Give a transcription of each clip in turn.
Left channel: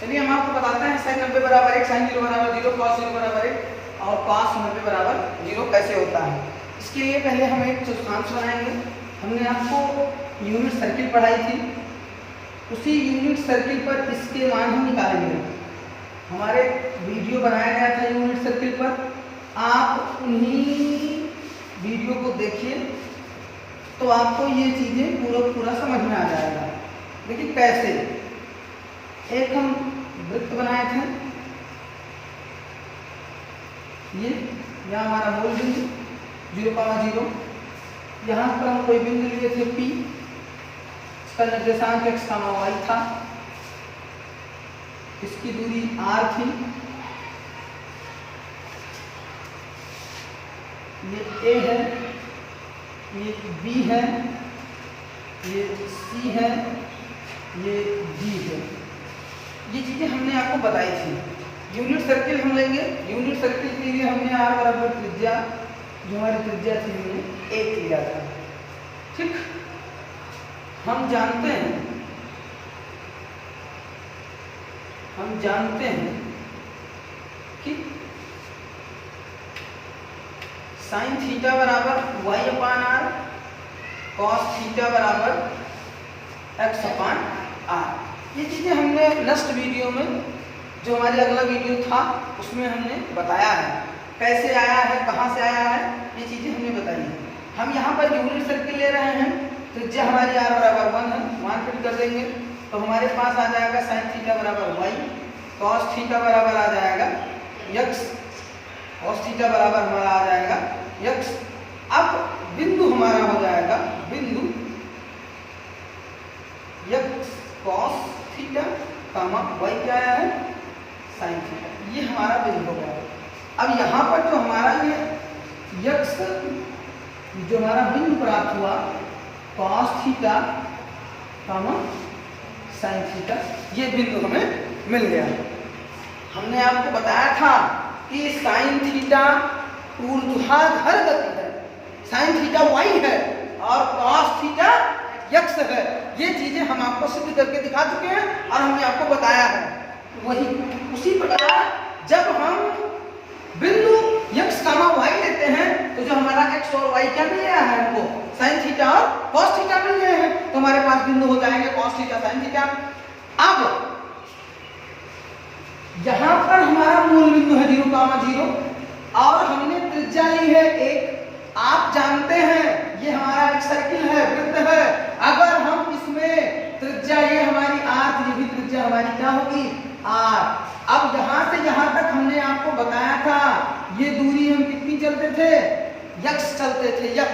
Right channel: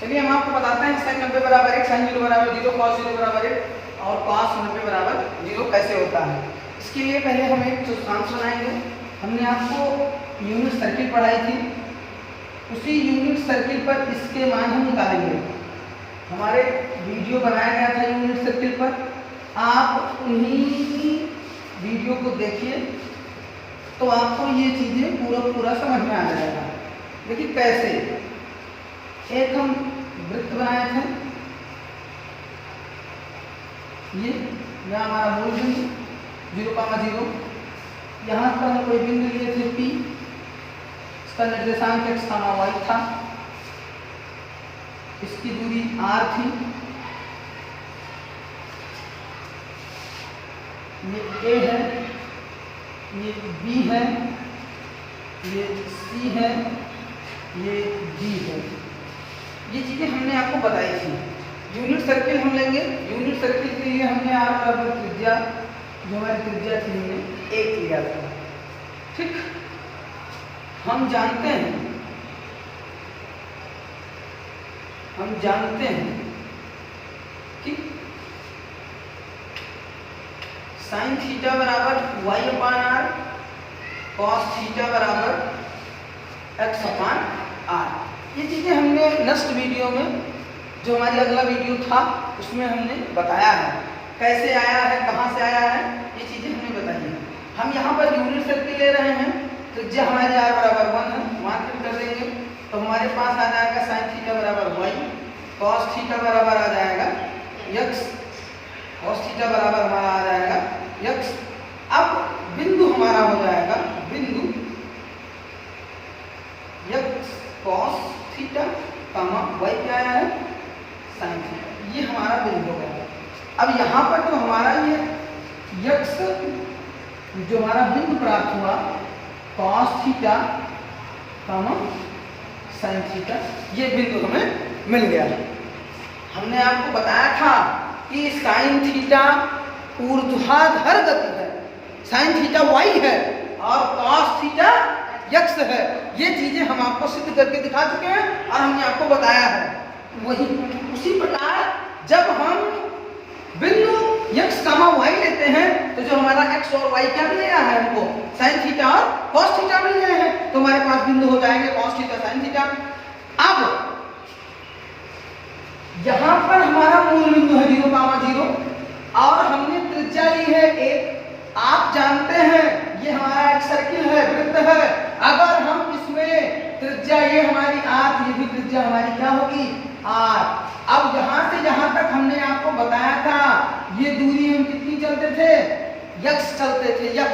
चलिए हम आपको बताते हैं sin 90 बराबर 1, sin 0 बराबर 0, cos 0 बराबर 1 और cos 90 बराबर 0 कैसे होता है। इसके लिए पहले हम एक चतुर्थांश बनाएंगे। हमने आपको यूनिट सर्किल पढ़ाई थी, उसी यूनिट सर्किल पर इसके मान हम निकालेंगे। हमारे वीडियो बनाया गया था यूनिट सर्किल पर, आप उन्हीं वीडियो को देखिए तो आपको ये चीज़ें पूरा समझ में आ जाएगा। देखिए कैसे, एक हम वृत्त बनाए थे, ये यहाँ हमारा मूल बिंदु 0,0, यहाँ पर हम कोई बिंदु लिए थे P, इसका निर्देशांक x, y था, इसकी दूरी r थी, ये A है, ये B है, ये C है, ये D है। ये चीजें हमने आपको बताई थी। यूनिट सर्किल हम लेंगे, यूनिट सर्किल के लिए हमने r बराबर त्रिज्या, जो हमारी त्रिज्या थी, हमने 1 लिया था। ठीक, हम जानते हैं कि साइन थीटा बराबर y अपान r, कॉस थीटा बराबर x अपान r। ये चीज़ें हमने लास्ट वीडियो में, जो हमारी अगला वीडियो था, उसमें हमने बताया है कैसे आया है, कहाँ से आया है, ये चीज़ें हमने बताई हैं। हम यहाँ पर यूनिट सर्किल ले रहे हैं, त्रिज्या हमारी r बराबर 1 है, वहाँ फिर कर देंगे तो हमारे पास आ जाएगा साइन थीटा बराबर y, कॉस थीटा बराबर आ जाएगा x, कॉस थीटा बराबर हमारा आ जाएगा x। अब बिंदु हमारा हो जाएगा बिंदु x कॉस थीटा कामा y क्या है, साइन थीटा, ये हमारा बिंदु हो गया। अब यहाँ पर जो हमारा ये x, जो हमारा बिंदु प्राप्त हुआ कॉस थीटा कामा साइन थीटा, ये बिंदु हमें मिल गया। हमने आपको बताया था कि साइन थीटा ऊर्ध्वाधर गति है, साइन थीटा y है और कॉस थीटा x है। ये चीजें हम आपको सिद्ध करके दिखा चुके हैं और हमने आपको बताया है। वही उसी प्रकार जब हम बिंदु x, y लेते हैं तो जो हमारा x और y क्या मिल गया है, हमको साइन थीटा और कॉस थीटा मिल गए हैं, तो हमारे पास बिंदु हो जाएंगे कॉस थीटा साइन थीटा। अब यहाँ पर हमारा मूल बिंदु है 0,0 और हमने त्रिज्या ली है 1। आप जानते हैं ये हमारा एक सर्किल है, वृत्त है। अगर हम इसमें त्रिज्या, ये हमारी r, ये भी त्रिज्या हमारी क्या होगी, r। अब यहाँ से यहाँ तक हमने आपको बताया था, ये दूरी हम कितनी चलते थे, x चलते थे, x।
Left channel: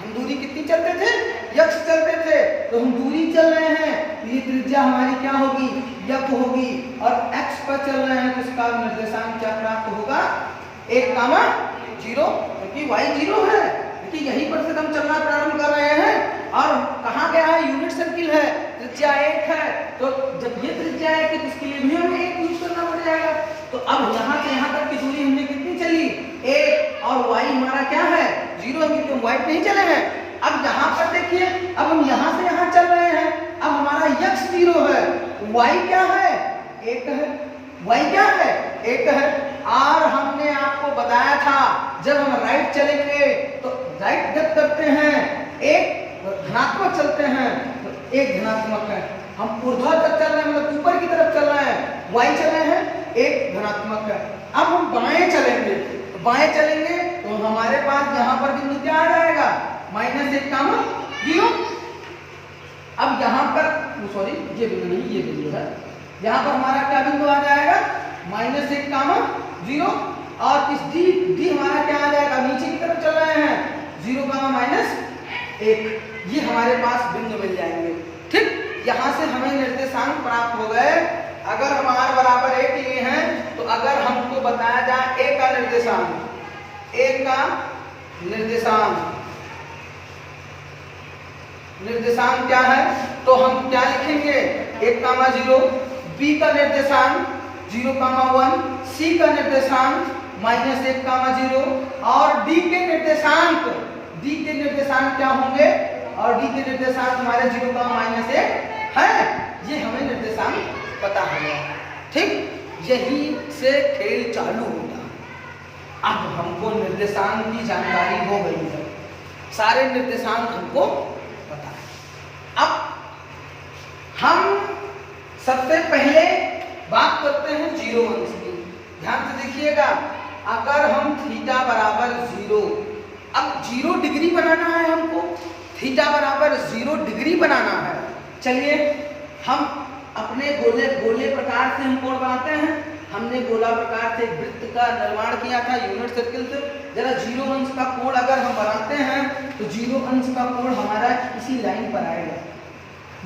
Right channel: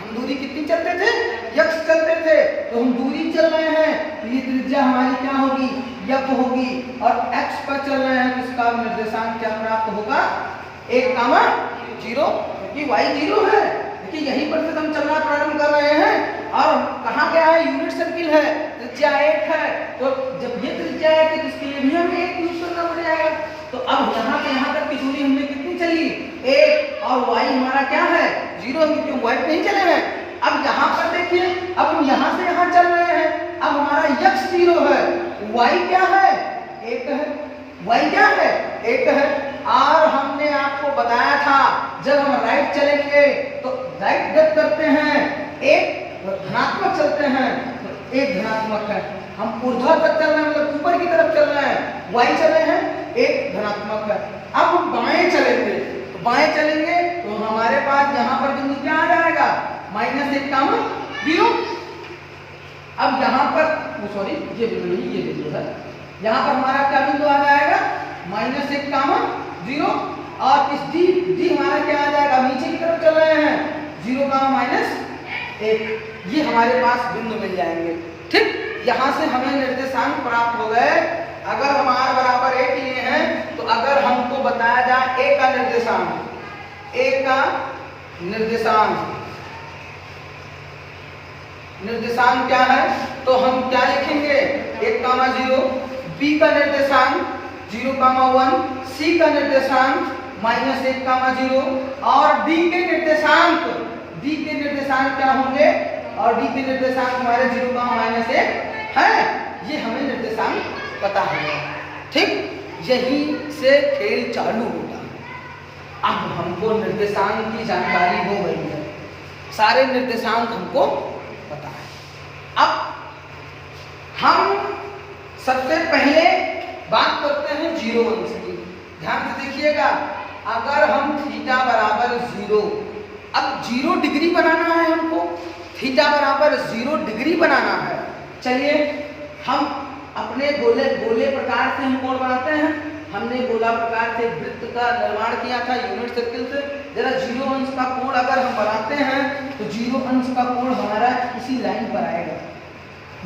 हम दूरी कितनी चलते थे, x चलते थे। तो हम दूरी चल रहे हैं, ये त्रिज्या हमारी क्या होगी, f होगी, और x पर चल रहे हैं तो इसका निर्देशांक क्या प्राप्त होगा, 1,0, क्योंकि y 0 है। देखिए यहीं पर से हम चलना प्रारंभ कर रहे हैं और कहाँ गया है, यूनिट सर्किल है, त्रिज्या 1 है। तो जब ये त्रिज्या 1 है तो इसके लिए भी हमें 1 यूज करना पड़ जाएगा। तो अब यहाँ से यहाँ तक की दूरी हमने कितनी चली, 1, और y हमारा क्या है, 0, क्योंकि y पे ही चले हैं। अब यहाँ पर देखिए, अब हम यहाँ से यहाँ चल रहे हैं, अब हमारा x 0 है, y क्या है, 1 है, y क्या है, 1 है। और हमने आपको बताया था जब हम राइट चलेंगे तो राइट गत करते हैं, 1 धनात्मक चलते हैं तो 1 धनात्मक है। हम ऊर्ध्वाधर चल रहे हैं, मतलब ऊपर की तरफ चल रहे हैं, y चले हैं, 1 धनात्मक है। अब हम बाएं चलेंगे, तो बाएं चलेंगे तो हमारे पास यहाँ पर बिंदु क्या आ जाएगा, -1,0। अब यहाँ पर सॉरी, ये बिंदु नहीं, ये बिंदु है, यहाँ पर हमारा क्या बिंदु आ जाएगा, -1,0, और इस d हमारा क्या आ जाएगा, नीचे की तरफ चल रहे हैं, 0,-1, ये हमारे पास बिंदु मिल जाएंगे। ठीक, यहाँ से हमें निर्देशांक प्राप्त हो गए। अगर हम r बराबर 1 लिए हैं तो अगर हमको बताया जाए a का निर्देशांक क्या है, तो हम क्या लिखेंगे, 1,0, b का निर्देशांक 0,1, c का निर्देशांक -1,0 और d के निर्देशांक क्या होंगे, और d के निर्देशांक हमारे 0,-1 है। ये हमें निर्देशांक पता है। ठीक, यही से खेल चालू होता है। अब हमको निर्देशांक की जानकारी हो गई है, सारे निर्देशांक हमको पता है। अब हम सबसे पहले बात करते हैं जीरो अंश की। ध्यान से देखिएगा, अगर हम थीटा बराबर 0, अब 0 डिग्री बनाना है हमको, थीटा बराबर 0 डिग्री बनाना है। चलिए हम अपने गोले प्रकार से हम कोण बनाते हैं। हमने गोला प्रकार से वृत्त का निर्माण किया था यूनिट सर्किल से। जरा 0 अंश का कोण अगर हम बनाते हैं तो 0 अंश का कोण हमारा इसी लाइन पर आएगा,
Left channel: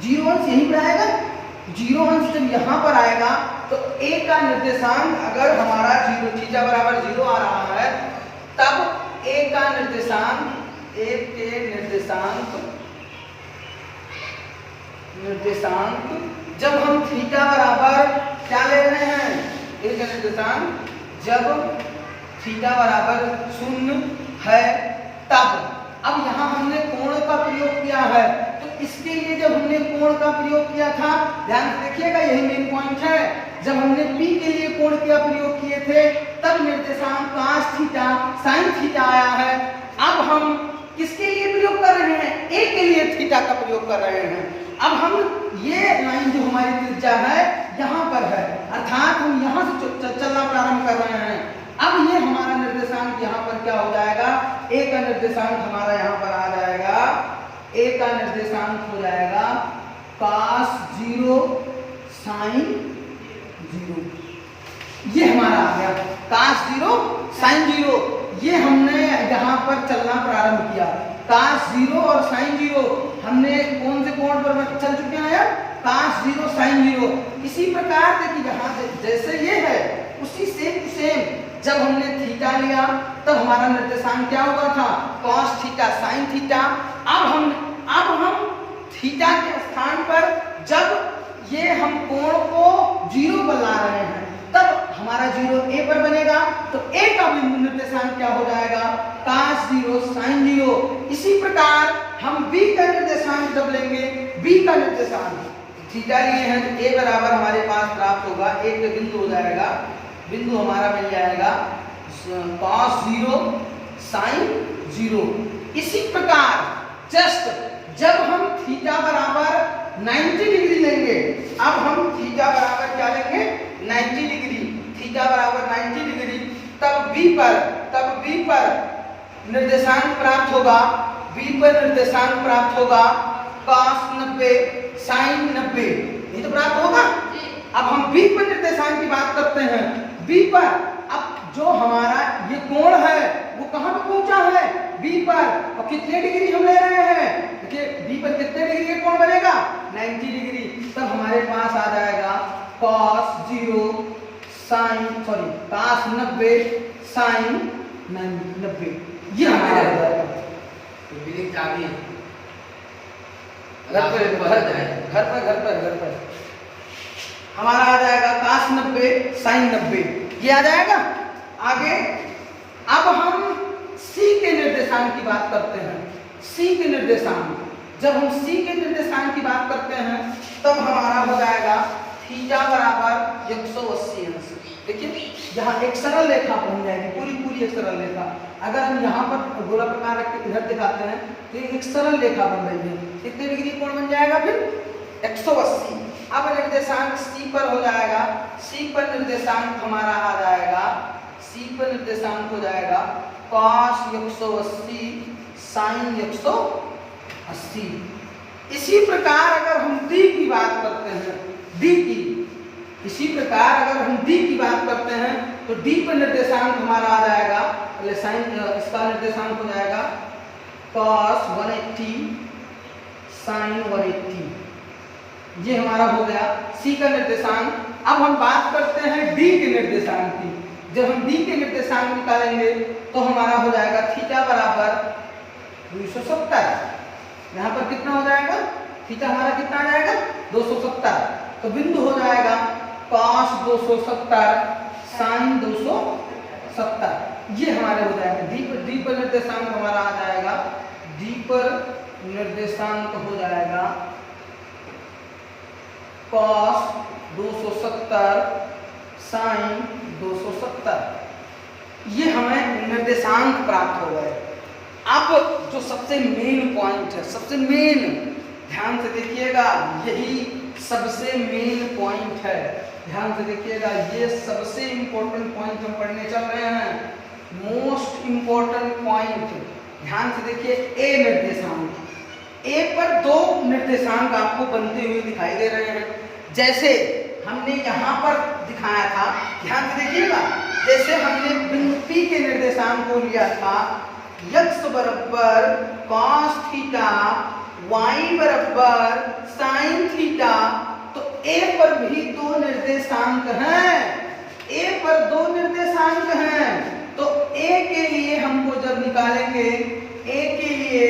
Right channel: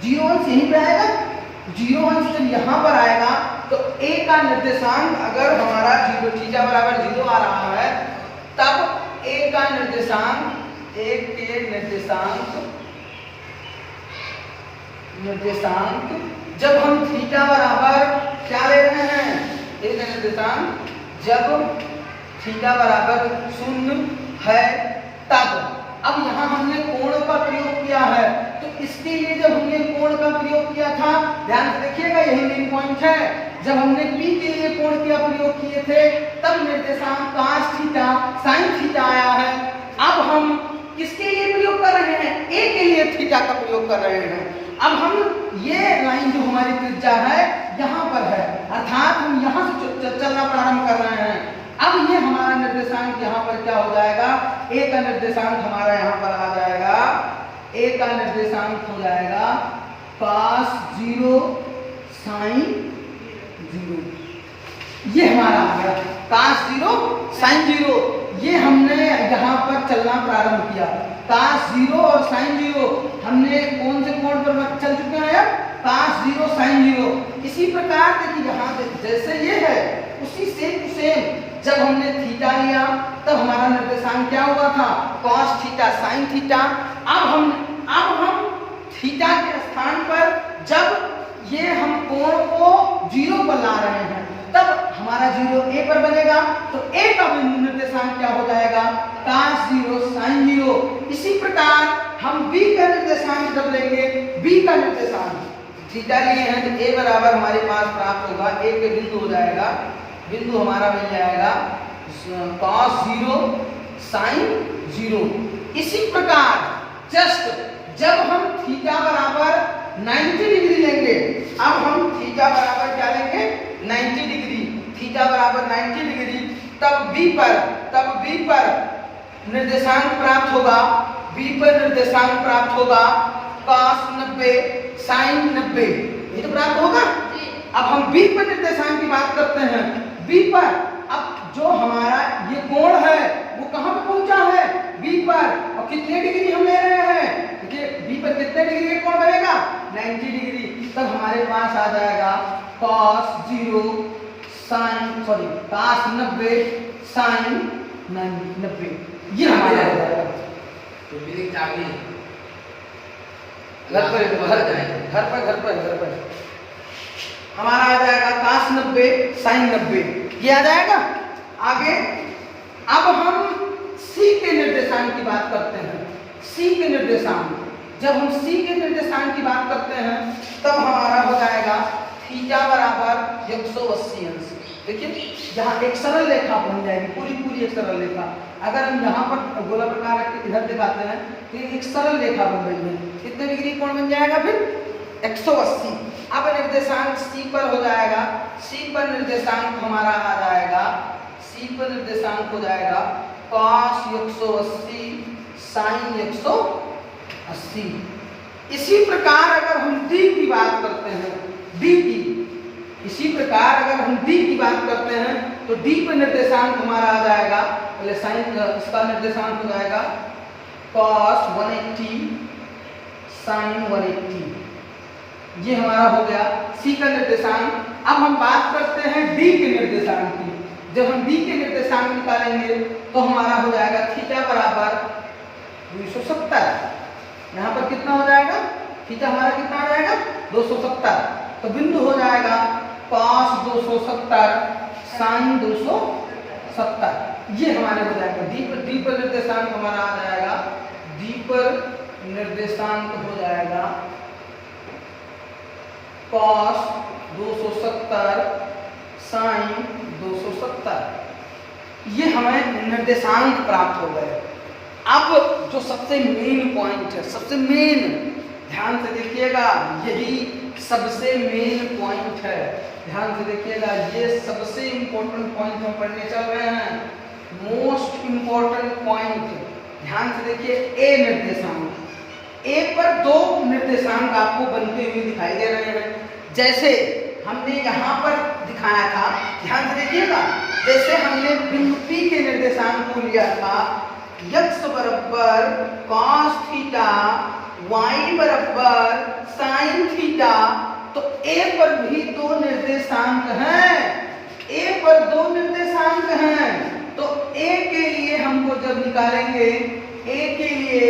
0 अंश यहीं पर आएगा। 0 अंश जब यहाँ पर आएगा तो a का निर्देशांक अगर हमारा 0 थीटा बराबर 0 आ रहा है, तब a का निर्देशांक, a के निर्देशांक जब हम थीटा बराबर क्या ले रहे हैं, a का निर्देशांक जब थीटा बराबर 0 है, तब अब यहाँ हमने कोण का प्रयोग किया है, तो इसके लिए जब हमने कोण का प्रयोग किया था, ध्यान से देखिएगा, यही मेन पॉइंट है। जब हमने P के लिए कोण का प्रयोग किए थे, तब निर्देशांक cos थीटा sin थीटा आया है। अब हम किसके लिए प्रयोग कर रहे हैं, A के लिए थीटा का प्रयोग कर रहे हैं। अब हम ये लाइन जो हमारी त्रिज्या है यहाँ पर है, अर्थात हम यहाँ से चलना प्रारंभ कर रहे हैं। अब ये हमारा निर्देशांक यहाँ पर क्या हो जाएगा, A का निर्देशांक हमारा यहाँ पर आ जाएगा, A का निर्देशांक हो जाएगा cos 0 sin 0। ये हमारा आ गया cos 0 sin 0। ये हमने यहाँ पर चलना प्रारंभ किया, cos 0 और sin 0 हमने कौन से कोण पर चल चुके हैं, cos 0 sin 0। इसी प्रकार देखिए यहाँ जैसे ये है उसी सेम टू सेम जब हमने थीटा लिया तब हमारा निर्देशांक क्या हुआ था, cos थीटा sin थीटा। अब हम थीटा के स्थान पर जब ये हम कोण को 0 पर ला रहे हैं, तब हमारा 0 A पर बनेगा, तो A का बिंदु निर्देशांक क्या हो जाएगा, cos 0 sin 0। इसी प्रकार हम B का निर्देशांक जब लेंगे, B का निर्देशांक थीटा लिए हैं तो A बराबर हमारे पास प्राप्त होगा, A के बिंदु हो जाएगा, बिंदु हमारा मिल जाएगा cos 0 sin 0। इसी प्रकार जस्ट जब हम थीटा बराबर 90 डिग्री लेंगे, अब हम थीटा बराबर क्या लेंगे, 90 डिग्री, थीटा बराबर 90 डिग्री, तब B पर निर्देशांक प्राप्त होगा, B पर निर्देशांक प्राप्त होगा cos 90 sin 90। ये तो प्राप्त होगा। अब हम B पर निर्देशांक की बात करते हैं, B पर अब जो हमारा ये कोण है वो कहाँ पर पहुंचा है, B पर, और कितने डिग्री हम ले रहे हैं, देखिए B पर कितने डिग्री का कोण बनेगा, 90 डिग्री। तब हमारे पास आ जाएगा cos 0 cos 90 sin 90। ये हमारा हो जाएगा। तो ये क्या है, घर पर हमारा आ जाएगा cos 90 sin 90। ये आ जाएगा। आगे अब हम C के निर्देशांक की बात करते हैं। C के निर्देशांक, जब हम C के निर्देशांक की बात करते हैं तब हमारा हो जाएगा थीटा बराबर 180 अंश। देखिए यहाँ एक सरल रेखा बन जाएगी, पूरी एक सरल रेखा। अगर हम यहाँ पर गोला प्रकार रख के इधर दिखाते हैं तो एक सरल रेखा बन रही है, कितने डिग्री कोण बन जाएगा फिर, 180। अब निर्देशांक C पर हो जाएगा, C पर निर्देशांक हमारा आ जाएगा, C पर निर्देशांक हो जाएगा cos 180 sin 180। इसी प्रकार अगर हम D की बात करते हैं, D की, इसी प्रकार अगर हम D की बात करते हैं तो D पर निर्देशांक हमारा आ जाएगा, पहले sin, इसका निर्देशांक हो जाएगा cos 180 sin 180। ये हमारा हो गया C का निर्देशांक। अब हम बात करते हैं D के निर्देशांक की। जब हम D के निर्देशांक निकालेंगे तो हमारा हो जाएगा थीटा बराबर 270। यहाँ पर कितना हो जाएगा, थीटा हमारा कितना आ जाएगा, 270। तो बिंदु हो जाएगा cos 270 sin 270। ये हमारे हो जाएगा D पर निर्देशांक हमारा आ जाएगा, D पर निर्देशांक हो जाएगा cos 270 साइन 270, ये हमें निर्देशांक प्राप्त हो गए। अब जो सबसे मेन पॉइंट है, सबसे मेन, ध्यान से देखिएगा, यही सबसे मेन पॉइंट है। ध्यान से देखिएगा, ये सबसे इंपॉर्टेंट पॉइंट हम पढ़ने चल रहे हैं, मोस्ट इंपॉर्टेंट पॉइंट। ध्यान से देखिए, ए निर्देशांक, ए पर दो निर्देशांक आपको बनते हुए दिखाई दे रहे हैं, जैसे हमने यहाँ पर दिखाया था। ध्यान से देखिएगा, जैसे हमने बिंदु P के निर्देशांक को लिया था, x बराबर cos थीटा, y बराबर sin थीटा, तो a पर भी दो निर्देशांक हैं, a पर दो निर्देशांक हैं। तो a के लिए हमको जब निकालेंगे, a के लिए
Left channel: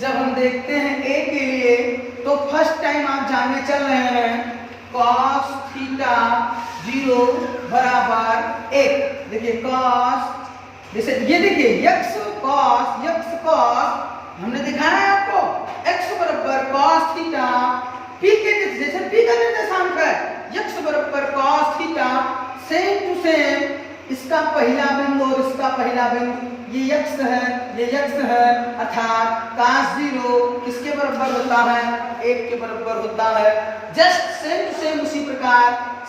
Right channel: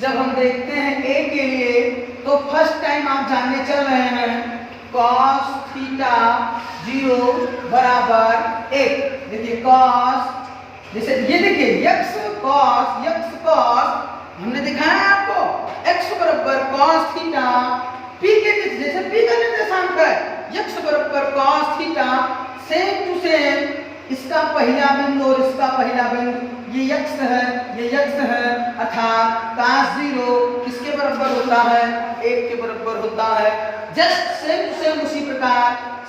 जब हम देखते हैं a के लिए, तो फर्स्ट टाइम आप जानने चल रहे हैं cos थीटा 0 बराबर 1। देखिए cos, जैसे ये देखिए x cos हमने दिखाया है आपको, x बराबर cos थीटा, p के जैसे p का निर्देशांक है, x बराबर cos theta, same to same इसका पहला बिंदु और इसका पहला बिंदु, ये x है, ये x है, अर्थात cos 0 किसके बराबर होता है, 1 के बराबर होता है। जस्ट सेम टू सेम उसी प्रकार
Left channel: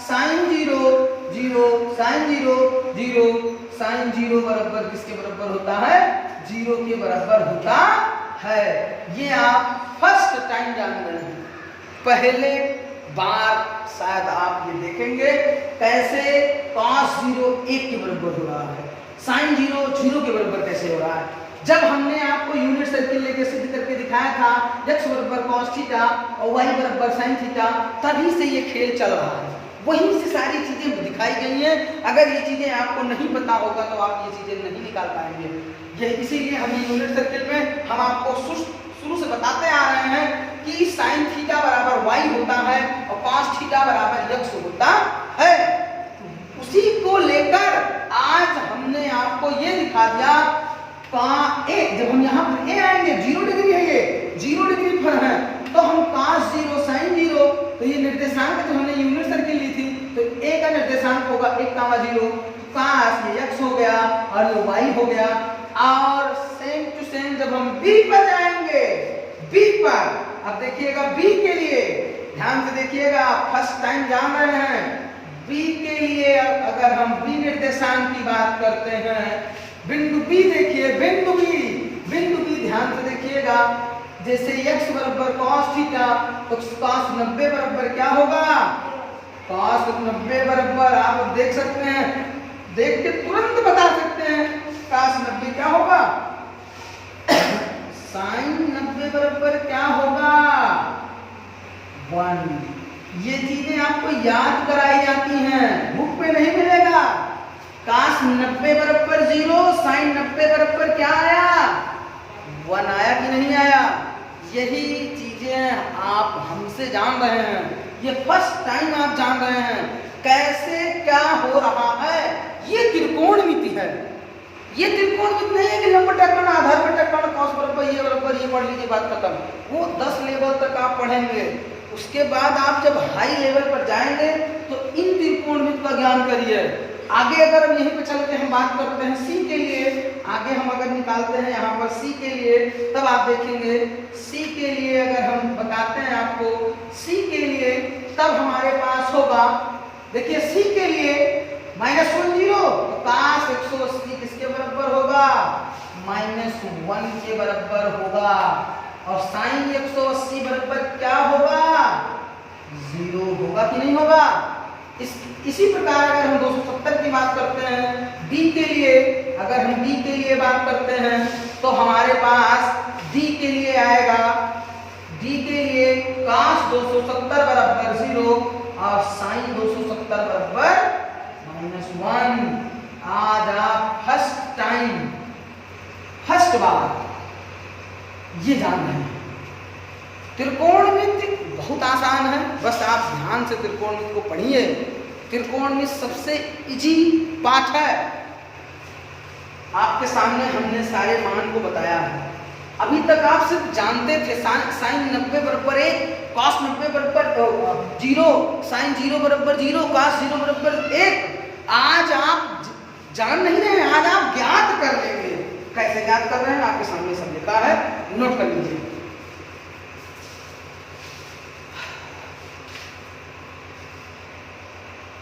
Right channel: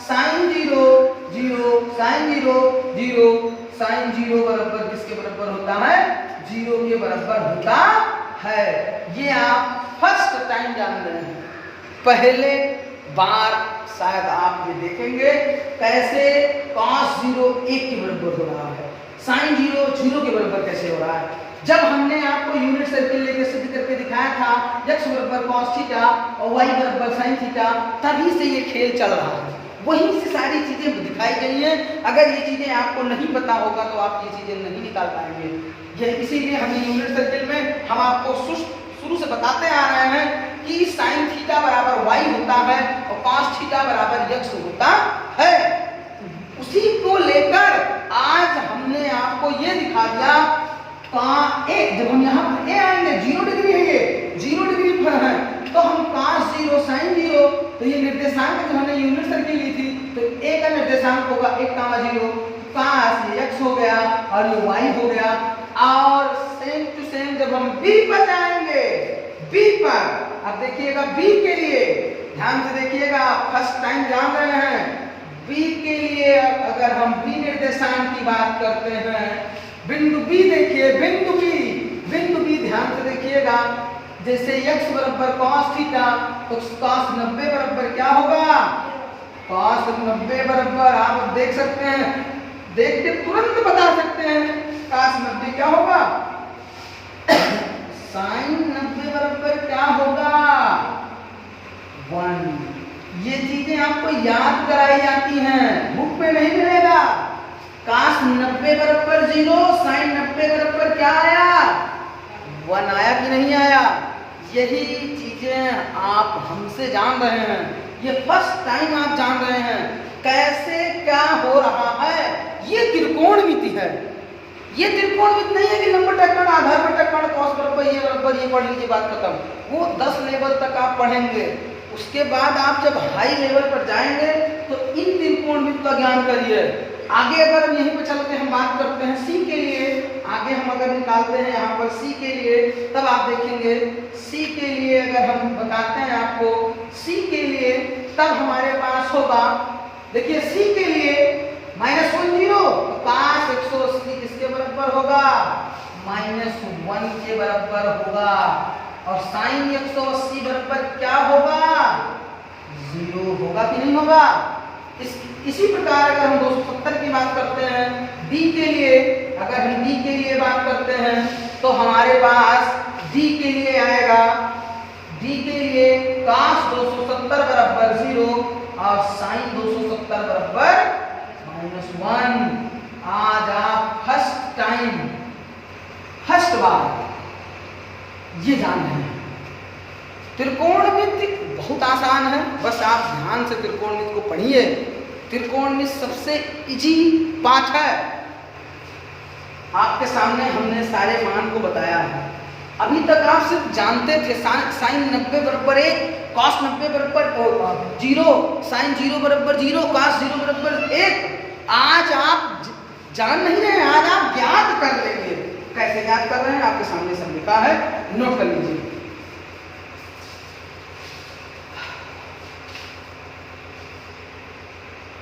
sin 0 0, sin 0 0, sin 0 बराबर किसके बराबर होता है, 0 के बराबर होता है। ये आप फर्स्ट टाइम जान रहे हैं, पहले बार शायद आप ये देखेंगे कैसे cos 0 1 के बराबर हो रहा है, sin 0 0 के बराबर कैसे हो रहा है। जब हमने आपको यूनिट सर्किल लेके सिद्ध करके दिखाया था x बराबर cos थीटा और y बराबर sin थीटा, तभी से ये खेल चल रहा है, वहीं से सारी चीजें दिखाई गई हैं। अगर ये चीजें आपको नहीं पता होगा तो आप ये चीजें नहीं निकाल पाएंगे। ये इसीलिए हम यूनिट सर्किल में हम आपको शुरू से बताते आ रहे हैं कि sin थीटा बराबर y होता है और cos थीटा बराबर x होता है। उसी को लेकर आज हमने आपको ये दिखा दिया, जब हम यहाँ पर ए आएंगे 0 डिग्री है, ये 0 डिग्री पर है, तो हम cos 0 sin 0, तो ये निर्देशांक जो हमने यूनिट सर्किल ली थी, तो a का निर्देशांक होगा 1, 0, cos ये x हो गया और ये y हो गया। और सेम टू सेम जब हम b पर जाएंगे, b पर, अब देखिएगा b के लिए, ध्यान से देखिएगा, फर्स्ट टाइम जान रहे हैं, b के लिए अगर हम b निर्देशांक की बात करते हैं, बिंदु B देखिए, बिंदु B ध्यान से देखिएगा, जैसे x बराबर cos थीटा, तो cos 90 बराबर क्या होगा, cos 90 बराबर आप देख सकते हैं, देख के तुरंत बता सकते हैं cos 90 क्या होगा, sin 90 बराबर क्या होगा 1। ये चीजें आपको याद कराई जाती हैं, बुक पे नहीं मिलेगा। cos 90 बराबर 0, sin 90 बराबर क्या आया, 1 आया कि नहीं आया। यही चीजें आप हमसे जान रहे हैं, ये फर्स्ट टाइम आप जान रहे हैं कैसे क्या हो रहा है। ये त्रिकोणमिति है, ये त्रिकोणमिति नहीं है कि लंब टकराण, आधार पर टकराण, cos बराबर ये पढ़ लीजिए, बात खत्म। वो 10 लेवल तक आप पढ़ेंगे, उसके बाद आप जब हाई लेवल पर जाएंगे तो इन त्रिकोणमिति का ज्ञान करिए। आगे अगर हम यहीं पे चलते हम बात करते हैं C के लिए, आगे हम अगर निकालते हैं यहाँ पर C के लिए, तब आप देखेंगे C के लिए अगर हम बताते हैं आपको C के लिए, तब हमारे पास होगा, देखिए C के लिए -10, तो cos 180 किसके बराबर होगा, -1 के बराबर होगा। और sin 180 बराबर क्या होगा, 0 होगा कि नहीं होगा। इसी प्रकार अगर हम 270 की बात करते हैं, D के लिए अगर हम D के लिए बात करते हैं, तो हमारे पास D के लिए आएगा, D के लिए cos 270 बराबर 0 और sin 270 बराबर -1। आज आप फर्स्ट टाइम, फर्स्ट बार ये जान रहे हैं। त्रिकोणमिति बहुत आसान है, बस आप ध्यान से त्रिकोणमिति को पढ़िए। त्रिकोणमिति सबसे इजी पाठ है, आपके सामने हमने सारे मान को बताया है। अभी तक आप सिर्फ जानते थे sin 90 बराबर 1, cos 90 बराबर 0, sin 0 बराबर 0, cos 0 बराबर 1, आज आप जान नहीं रहे हैं, आज आप ज्ञात कर लेंगे। कैसे ज्ञात कर रहे हैं, आपके सामने सब लिखा है, नोट कर लीजिए।